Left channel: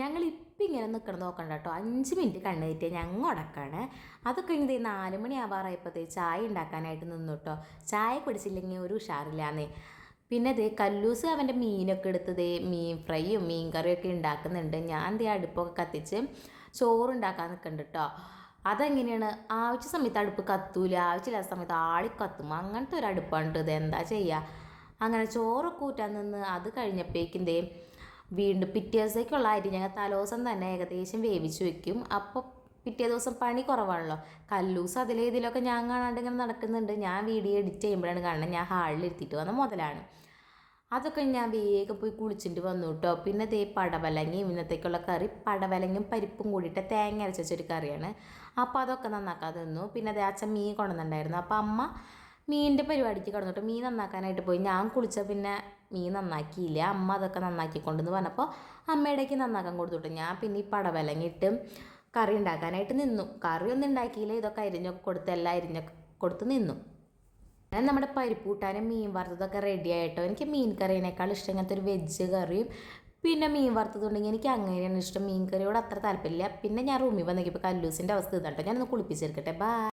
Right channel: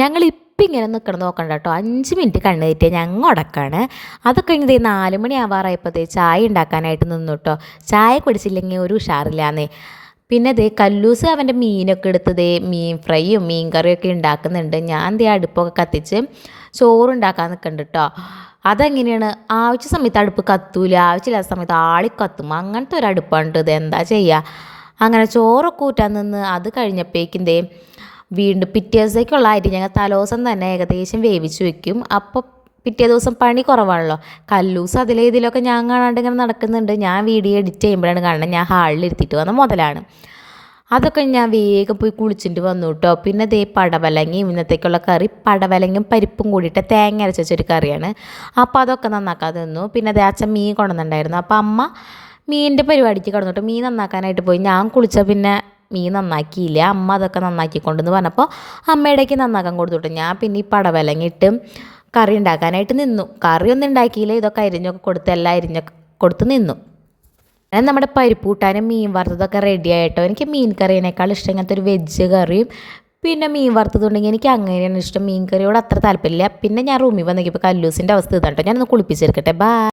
ഞങ്ങളിപ്പം ഇങ്ങനെ നിൽക്കണം നോക്കണ്ട കേട്ടോ, 5 മിനിറ്റ് കണ്ണ് തെറ്റിയാൽ ഞങ്ങൾ ഉടക്കാണ്. അത് കഴിഞ്ഞത് 4 മണി ആവാറായപ്പോഴത്തേ ചായ ഉണ്ടാക്കാനായിട്ട് നിന്നു കേട്ടോ. ചായ കുടിച്ചില്ലെങ്കിൽ ഒരു ഉഷാറില്ലാന്നേ. പിന്നെ ദേ കല്ലൂസ് അവൻ്റെ മീനൊക്കെ എടുത്ത് ദേ മീൻ ഫ്രൈയും മീൻ കറിയൊക്കെ ഉണ്ടാക്കുന്നുണ്ട്. ഞാൻ ദേ അടുപ്പൊക്കെ കത്തിച്ച് ചോറുണ്ടാക്കാൻ നിൽക്കുന്നുണ്ട് കേട്ടോ. അതെങ്ങനെയാണ്, ആവശ്യ സമയത്ത് അടുപ്പ് കത്തൂല, ആവശ്യമില്ലാത്ത സമയത്ത് ആളി കത്തും, അങ്ങനത്തെ ഒരു അടുപ്പാണ് ഇത്. എന്താ ചെയ്യുക. അങ്ങനെ ചോറൊക്കെ ഊറ്റാൻ നിന്ന് അത് കഴിഞ്ഞപ്പോഴേക്കും ദേ വീണ്ടും പിറ്റേ ദിവസത്തേക്കുള്ള അരി ഞങ്ങൾ തലേദിവസം തന്നെ ഏകദേശം വേവിച്ച് വെക്കും. അപ്പോൾ പിറ്റേ ദിവസം പണി കുറവാണല്ലോ. കല്ലൂസ് ഇതിലൊക്കെ ഞാൻ കാണാണ്ട് ഇങ്ങനെ നടക്കുന്നുണ്ട്. ഞാൻ വീഡിയോ എഡിറ്റ് ചെയ്യുമ്പോഴാണ് കാണുന്നത്. ഞാൻ ഹാളിൽ ഇരുത്തിയിട്ട് വന്ന മുതലാണ്. അതൊക്കെ ഞാൻ വേഗം പോയി കുളിച്ചിട്ട് വന്നു കേട്ടോ. പിന്നെ ദേ പടവലങ്ങയും ഇന്നത്തേക്കുള്ള കറി പടവലങ്ങയും പരിപ്പും കൂടിയിട്ട് തേങ്ങ അരച്ച് വെച്ചൊരു കറിയാണ്. അപ്പോൾ അതൊക്കെ നന്നാക്കാൻ നിന്നു. പിന്നെ ദേ അച്ഛൻ മീൻ കൊണ്ടുവന്നിട്ടുണ്ടായിരുന്നു. അപ്പോൾ അമ്മ മീനിൻ്റെ പരിപാടിക്ക് കിടന്നിട്ട് മീൻ നന്നാക്കാനായിട്ട് പോയി. ഞാൻ കുളിച്ച പിന്നെ മീൻ നന്നാക്കിയില്ല. അമ്മ അതൊക്കെ നന്നാക്കിക്കൊണ്ടെന്ന് പറഞ്ഞപ്പോൾ അമ്മയുടേക്ക് നന്നാക്കാൻ കൊടുത്തുവിട്ടു. ഞാൻ പിന്നെ ഈ പടവലങ്ങിട്ട് കറി ഉണ്ടാക്കാനായിട്ട് നിന്നു. കറിയൊന്നും ഉണ്ടാക്കിയില്ല, ഇതൊക്കെ അരിഞ്ഞൊക്കെ കൊടുത്ത് എല്ലാം അരിഞ്ഞൊക്കെ കൊടുത്ത് നിന്നു. ഞാൻ നമ്മുടെ പരിപ്പ് കൂട്ടാനും മീൻ വറുത്തതൊക്കെ റെഡി ആയിട്ടോ. എനിക്ക് മീൻ കറീനേക്കാൾ ഇഷ്ടം ഇങ്ങനത്തെ ഒരു വെജ് കറിയും പിന്നെ മീൻ വറുത്തതുണ്ടെങ്കിൽ എനിക്ക് അങ്ങനെയാണ് ഇഷ്ടം. മീൻ കറിയോട് അത്ര താല്പര്യമില്ല. പിന്നെ ഞാൻ റൂമിൽ വന്നിപ്പോൾ കല്ലൂസിൻ്റെ അവസ്ഥ ഇതാട്ടോ. ഞാനൊന്ന് കുളിപ്പിച്ചെടുക്കട്ടെ. ബൈ.